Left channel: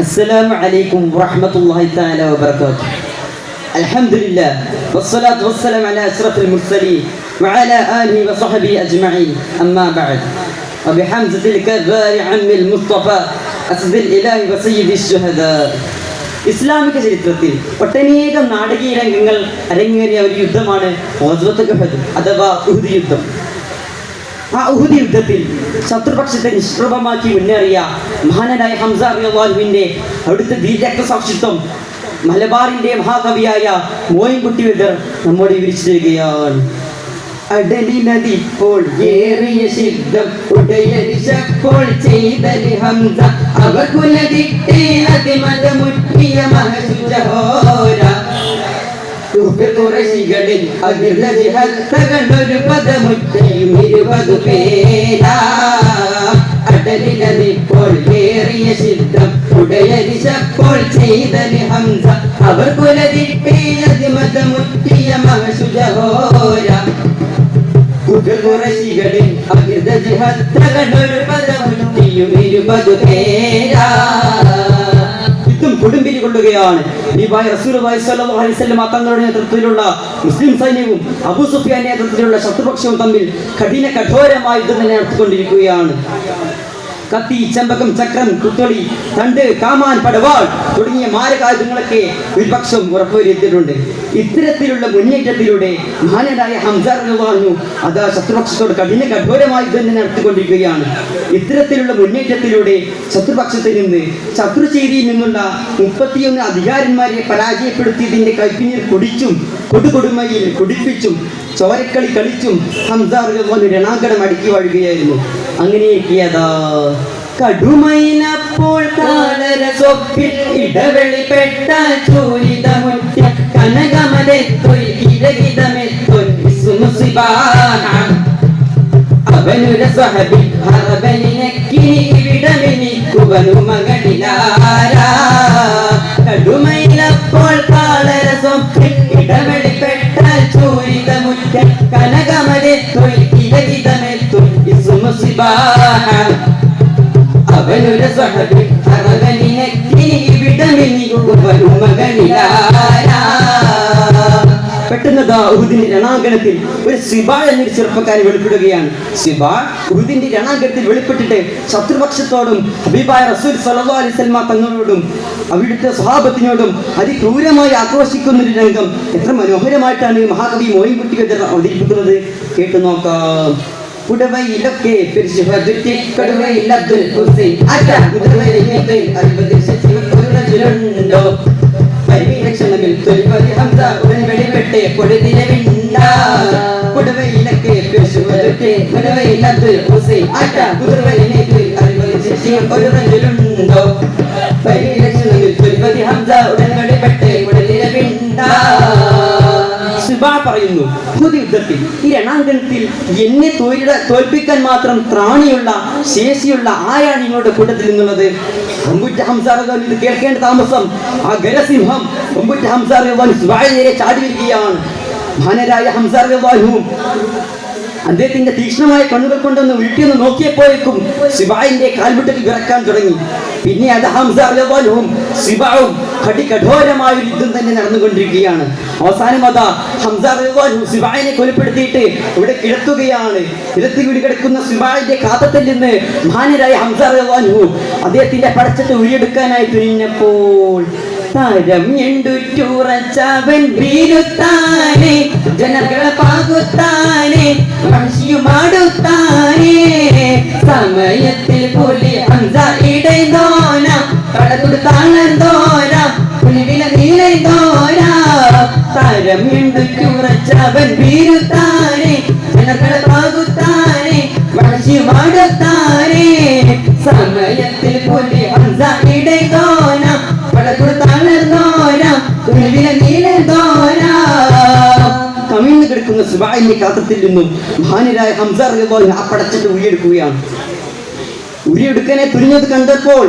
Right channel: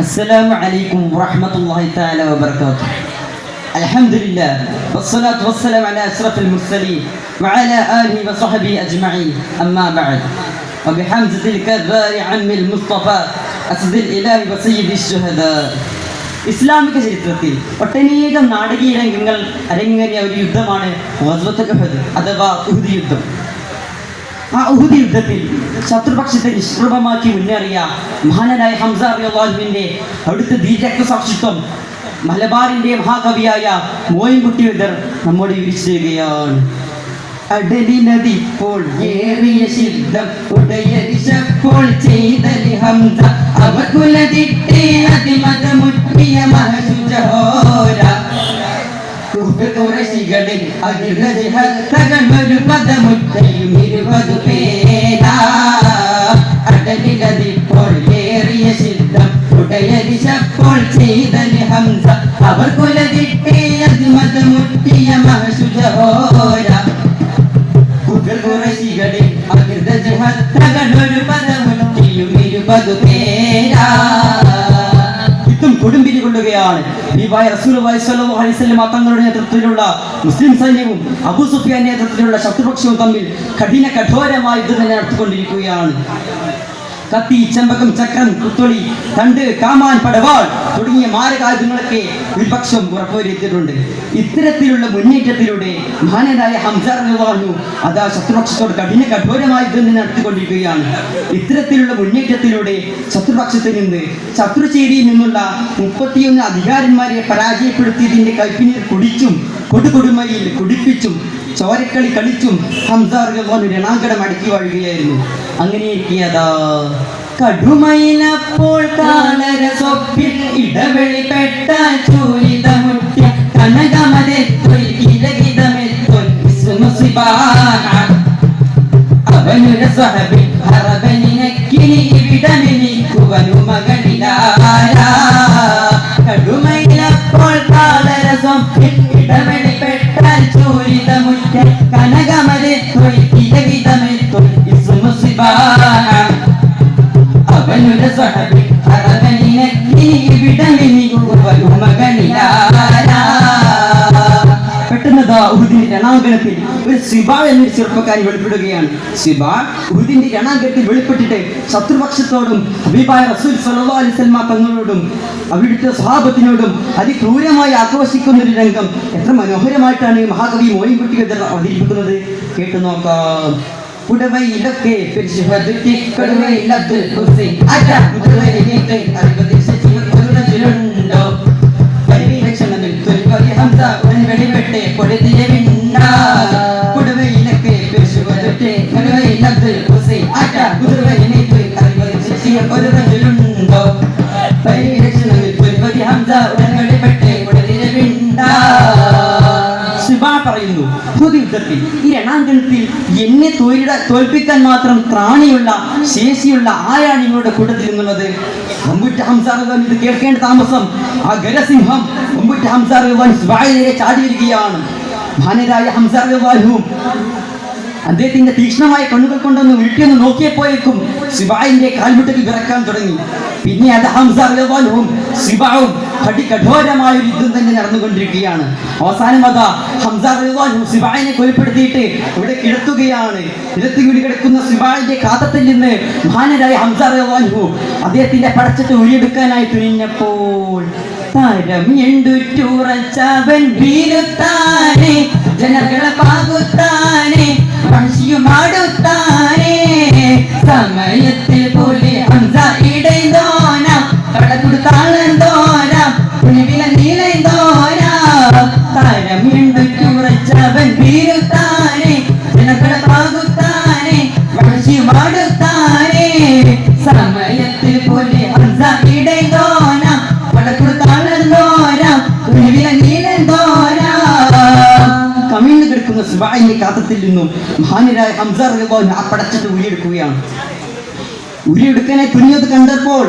السلام عليكم ورحمة الله تعالى وبركاته. الحمد لله والصلاة والسلام على أشرف المرسلين وعلى آله وصحبه أجمعين. أما بعد وبحمزة الكبار عم المصطفى أسد الإله وسيد الشهداء. ഇസ്ലാമിക ചരിത്രത്തിൽ ഒട്ടനേകം നാടകീയ രംഗങ്ങൾ അരങ്ങേറിയ ഒരു യുദ്ധമാണ് ഗസ്വത്തുൽ ഉഹദ് അഥവാ ഉഹദ് യുദ്ധം. ആ ഉഹദ് യുദ്ധത്തിൽ ശത്രുപക്ഷത്തെ നിഷ്പ്രഭമാക്കി മുന്നേറിയ മഹാനായ ഹംസ റളിയല്ലാഹുവിന്റെ അടുത്ത ധീരരക്തസാക്ഷിത്വം മലബാറിന്റെ മഹാകവിയായ മോയിൻകുട്ടി വൈദ്യർ നമ്മോട് വിവരിച്ചു തരികയാണ്. അടലിനതിപ്പോൾ ഏറിയ ശബ്ദം ഉടയരിശപ്പോൾ ചെയ്തലി ഹംസ അവകുലതിട്ടേ അതിമതമുറ്റിയ മഹസുജഹോര കുറശികളിൽ അതിർഹത്തകളൊരു പദമുറ്റയും 20 പേരാ. അടലിനതിപ്പോൾ ഏറിയ ശബ്ദം ഉടയരിശപ്പോൾ ചെയ്തലി ഹംസ അവകുലതിട്ടേ അതിമതമുറ്റിയ മഹസുജഹോര കുറശികളിൽ അതിർഹത്തകളൊരു പദമുറ്റിയും 20 പേരാ. യുദ്ധം കൊടുമ്പിരി കൊള്ളുകയാണ്. റസൂലുള്ളാഹി സ്വല്ലല്ലാഹു അലൈഹി വസല്ലം തങ്ങളുടെ നേതൃത്വത്തിലുള്ള മുസ്ലിം സൈന്യവും അബൂ സുഫിയാന്റെ നേതൃത്വത്തിലുള്ള ശത്രുപക്ഷവും തമ്മിൽ കഠോരമായ യുദ്ധം തന്നെ നടത്തിക്കൊണ്ടിരിക്കുകയാണ്. കത്തി, ചെമ്പകം, ചക്രം, കുത്തൊളി, തണ്ട്, കാമാൻ, പടവാൾ തുടങ്ങിയ മാരകായുധങ്ങളൊക്കെ വിപക്ഷം ഉറപ്പുവരുത്തിയിട്ടുണ്ട്. ഇത്തരത്തിലുള്ള മുന്നേറ്റത്തിലൂടെ മഹാനായ ഹംസ റളിയല്ലാഹു അതാ ശത്രുപക്ഷത്തോട് കഠോരമായ യുദ്ധം നടത്തിക്കൊണ്ടിരിക്കുകയാണ്. ഇത്തരത്തിലുള്ള മുന്നേറ്റത്തിലൂടെ ശത്രുപക്ഷത്തിൽ നിന്ന് ശത്രുചേരിയിൽ നിന്നുള്ള 31 അധികാരന്മാരെ പരാജയപ്പെടുത്തിയതിന്റെ കൈപ്പിനീർ കുടിച്ചും കൊടുകൊടുമയിൽ കുടിപ്പിച്ചും ചോരക്കളി കളിച്ചും ഹംസ റളിയല്ലാഹു രണാങ്കണം അടക്കി വാഴുകയായിരുന്നു. അങ്ങനെയൊക്കെയതാ കടുമയിലപ്പോൾ കാളരസൊപ്പിൽ ഇടവെളിപ്പെട്ട ചൂരിതമുറ്റ കനകമതെത്തൊൽ ഇരകിതമെത്തൊൽ അവനുര സഹബിൽ അറബലിനക്കിനി ഇവിടമെനിക്കുവനു മകളിലാരാ. കടുമയിലപ്പോൾ കാളരസൊപ്പിൽ ഇടവെളിപ്പെട്ട ചൂരിതമുറ്റ കനകമതെത്തൊൽ ഇരകിതമെത്തൊൽ അവനുര സഹബിൽ അറബലിനക്കിനി ഇവിടമെനിക്കുവനു മകളിലാരാ. പെട്ടെന്ന് ഉഹുദിന്റെ രണാങ്കണത്തിൽ ഒരു സിബാ എന്നൊരു ചെറുപ്പക്കാരി വെളിപ്പെടുകയാണ്. സിബാ ഉഹുദിന്റെ രണാങ്കണത്തിൽ വെളിപ്പെട്ടിട്ട് ശത്രുപക്ഷത്തോടും ഹബീബായ റസൂൽ സ്വല്ലല്ലാഹു അലൈഹി വസല്ലം തങ്ങളോടും അവിടുത്തെ സ്വഹാബത്തിനോടും അതിക്രൂരമായി ആക്രോശിക്കുന്ന ഒരു രംഗം എത്ര മനോഹരമായിട്ടാണ് മഹാകവി മോയിൻകുട്ടി വൈദ്യർ അവതരിപ്പിക്കുന്നത്. കേട്ടു നോക്കാം. കുടവയിലൊക്കെ പറയുന്നു, യുദ്ധത്തിൽ ഈ രണാങ്കണത്തിൽ എന്നെ തോൽപ്പിക്കാൻ മാത്രം ത്രാണിയുള്ള ശേഷിയുള്ള ആരാണ് നിങ്ങളുടെ കൂട്ടത്തിൽ നിന്നുള്ളത്? ഒമ്പുറ്റ ഹംസ റളിയല്ലാഹു ഇത് കേൾക്കേണ്ട താമസം ആ ഗരസിംഹം ഒമ്പുറ്റ ഹംസ റളിയല്ലാഹു ചാടി വരികയാണ്. മഹാനരായ ഹംസ റളിയല്ലാഹു അദ്ദേഹത്തിന്റെ തീക്ഷ്ണമായ കണ്ണുകൾ കൊണ്ടൊന്ന് വീട്ടിൽ നോക്കിയപ്പോഴേക്കും സിബായിന്റെ കാൽമുട്ടൽ വിറക്കാൻ തുടങ്ങി. പിന്നെ അത് ഹംസ റളിയല്ലാഹുവും സിബാവും കഠോരമായ ഒരു യുദ്ധം തന്നെ നടന്നുകൊണ്ടിരിക്കുകയാണ്. അവസാനം അതാ ഹംസ റളിയല്ലാഹു സിബായിനെ കൊലപ്പെടുത്തിയിട്ട് ഇവിടെ കിടത്തുകയാണ്. കിടത്തി വീട് കിടക്കുന്ന സിബായിന്റെ കാതത്തിൽ നിന്ന് മഹാനരായ ഹംസ റളിയല്ലാഹു അദ്ദേഹത്തിന്റെ പടച്ചിട്ട് ഉരിയെടുക്കാനായി തുനിഞ്ഞപ്പോൾ താരം എണ്ടുറ്റുറച്ചവൻ വീരുത്താനെ ജനങ്ങളെ പാകുത്താനെ വംശിയുമാടുത്താനെ സമയത്തിൽ പോലെ ഹംസ ഇടൈന്തോന കടകൊടുത്താളന്തോന പുലിവില നീലൈന്തോന താരം എണ്ടുറ്റുറച്ചവൻ വീരുത്താനെ ജനങ്ങളെ പാകുത്താനെ വംശിയുമാടുത്താനെ സമയത്തിൽ പോലെ ഹംസ ഇടൈന്തോന കടകൊടുത്താളന്തോന പുലിവില നീലൈന്തോന. കമിഴ്ന്നു കിടക്കുന്ന സിബായിന്റെ കാതത്തിൽ നിന്നും മഹാനായ ഹംസ റളിയല്ലാഹു ആ പടച്ചിട്ട് ഉരിയെടുക്കുകയാണ്. ഉരിയെടുക്കാനെ തുനിഞ്ഞത് കണ്ടപ്പോൾ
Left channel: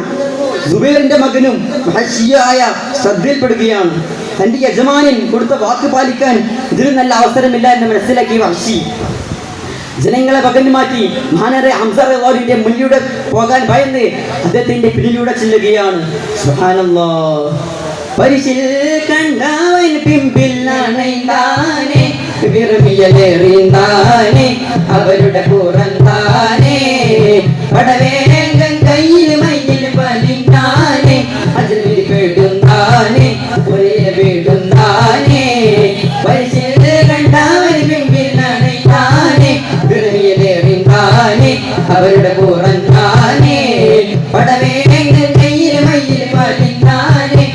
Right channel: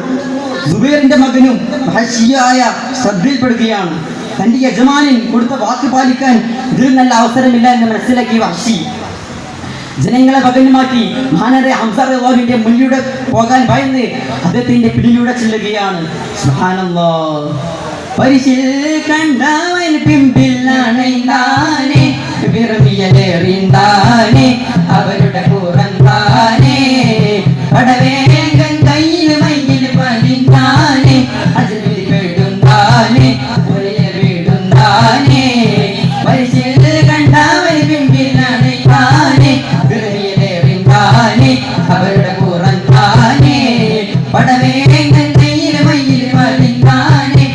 സുബൈറിന്റെ മകനും വഹശിയായ ശ്രദ്ധയിൽപ്പെടുകയാണ്. തന്റെ യജമാനൻ കൊടുത്ത വാക്ക് പാലിക്കാൻ ഇതിൽ നല്ല അവസരമില്ല എന്ന് മനസ്സിലാക്കി വഹശി ജനങ്ങളെ പകഞ്ഞു മാറ്റി മഹാനായ ഹംസ റളിയല്ലാഹുവിന്റെ മുന്നിലൂടെ പോകാൻ ഭയന്ന് അദ്ദേഹത്തിന്റെ പിന്നിലൂടെ ചെല്ലുകയാണ്. സുബ്ഹാനല്ലാഹ്. പരിശിൽ കണ്ടവൻ പിമ്പിൽ നനൈതാനെ വിറമിയലേറിന്താനെ അവരുടെ പുറന്താനെ പടവേഗം കയ്യിൽ മയ്യിൽ പതിന്താനെ അതിൽ പേടുന്താനെ ഒരേ വീടുന്താനെ പരിശിൽ കണ്ടവൻ പിമ്പിൽ നനൈതാനെ വിറമിയലേറിന്താനെ അവരുടെ പുറന്താനെ പടവേഗം കയ്യിൽ മയ്യിൽ പതിന്താനെ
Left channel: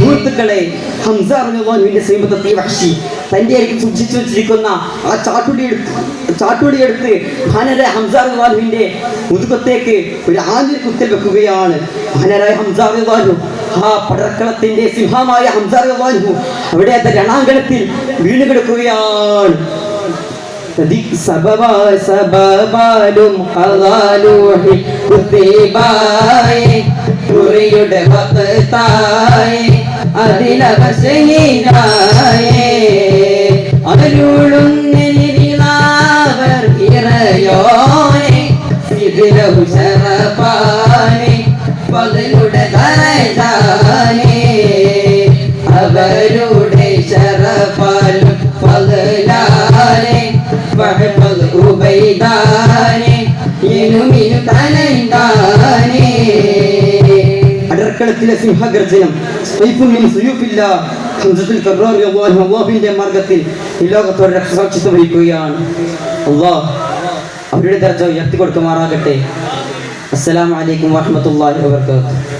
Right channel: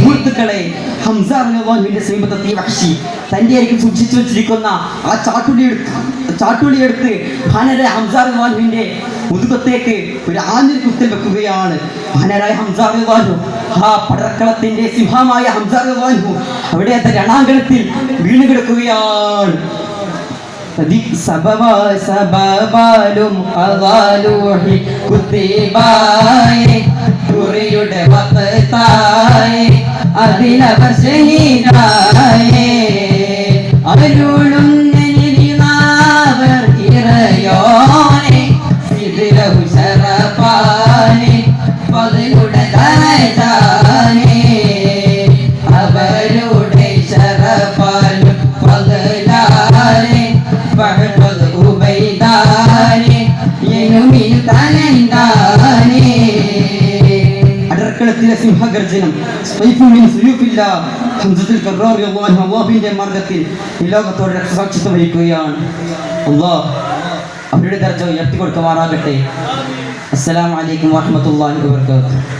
സുഹൃത്തുക്കളെ, ഹംസ റളിയല്ലാഹുവിന്റെ ശ്രീമതത്തെ വഹ്ശി തന്റെ അരികിൽ സൂക്ഷിച്ചു വെച്ചിരിക്കുന്ന ആ ചാട്ടുളി എടുത്ത് മഹാനരായ ഹംസ റളിയല്ലാഹുവിന്റെ മുതുകത്തേക്ക് ഒരു ആഞ്ഞൊരു കുത്തൽ വെക്കുകയാണ്. മഹാനരായ ഹംസ റളിയല്ലാഹു ആ പടക്കളത്തിന്റെ സിംഹമായ ഹംസ റളിയല്ലാഹു അവിടെ രണാങ്കണത്തിൽ വീണു കിടക്കുകയാണ്. സബബാലും അദാലൂഹി കുത്തിബായേ കുറിയുടെ വഖതായേ അതിലവർ ശഹീദായേ അരുളും നിനിലാവർ ഇറയോനെ സിദ്റഹു ശറഫാനെ ഫദ്ലുടെ ദരജാനെ അവരുടെ ശറഫാലും ഫദ്ലാനെ അടർക്കളത്തിലെ സിംഹഗർജനം അല്ലാഹുവിന്റെ മാർഗത്തിൽ ഈ ലോകത്തോട് രക്ഷസാക്ഷിത്വം വഹിക്കുകയാണ്. അല്ലാഹ് അവരുടെ ദർജ ഉയർത്തി കൊടുക്കുമാറാകട്ടെ. അസ്സലാമു അലൈക്കും വറഹ്മത്തുള്ളാഹി വബറകാതുഹു.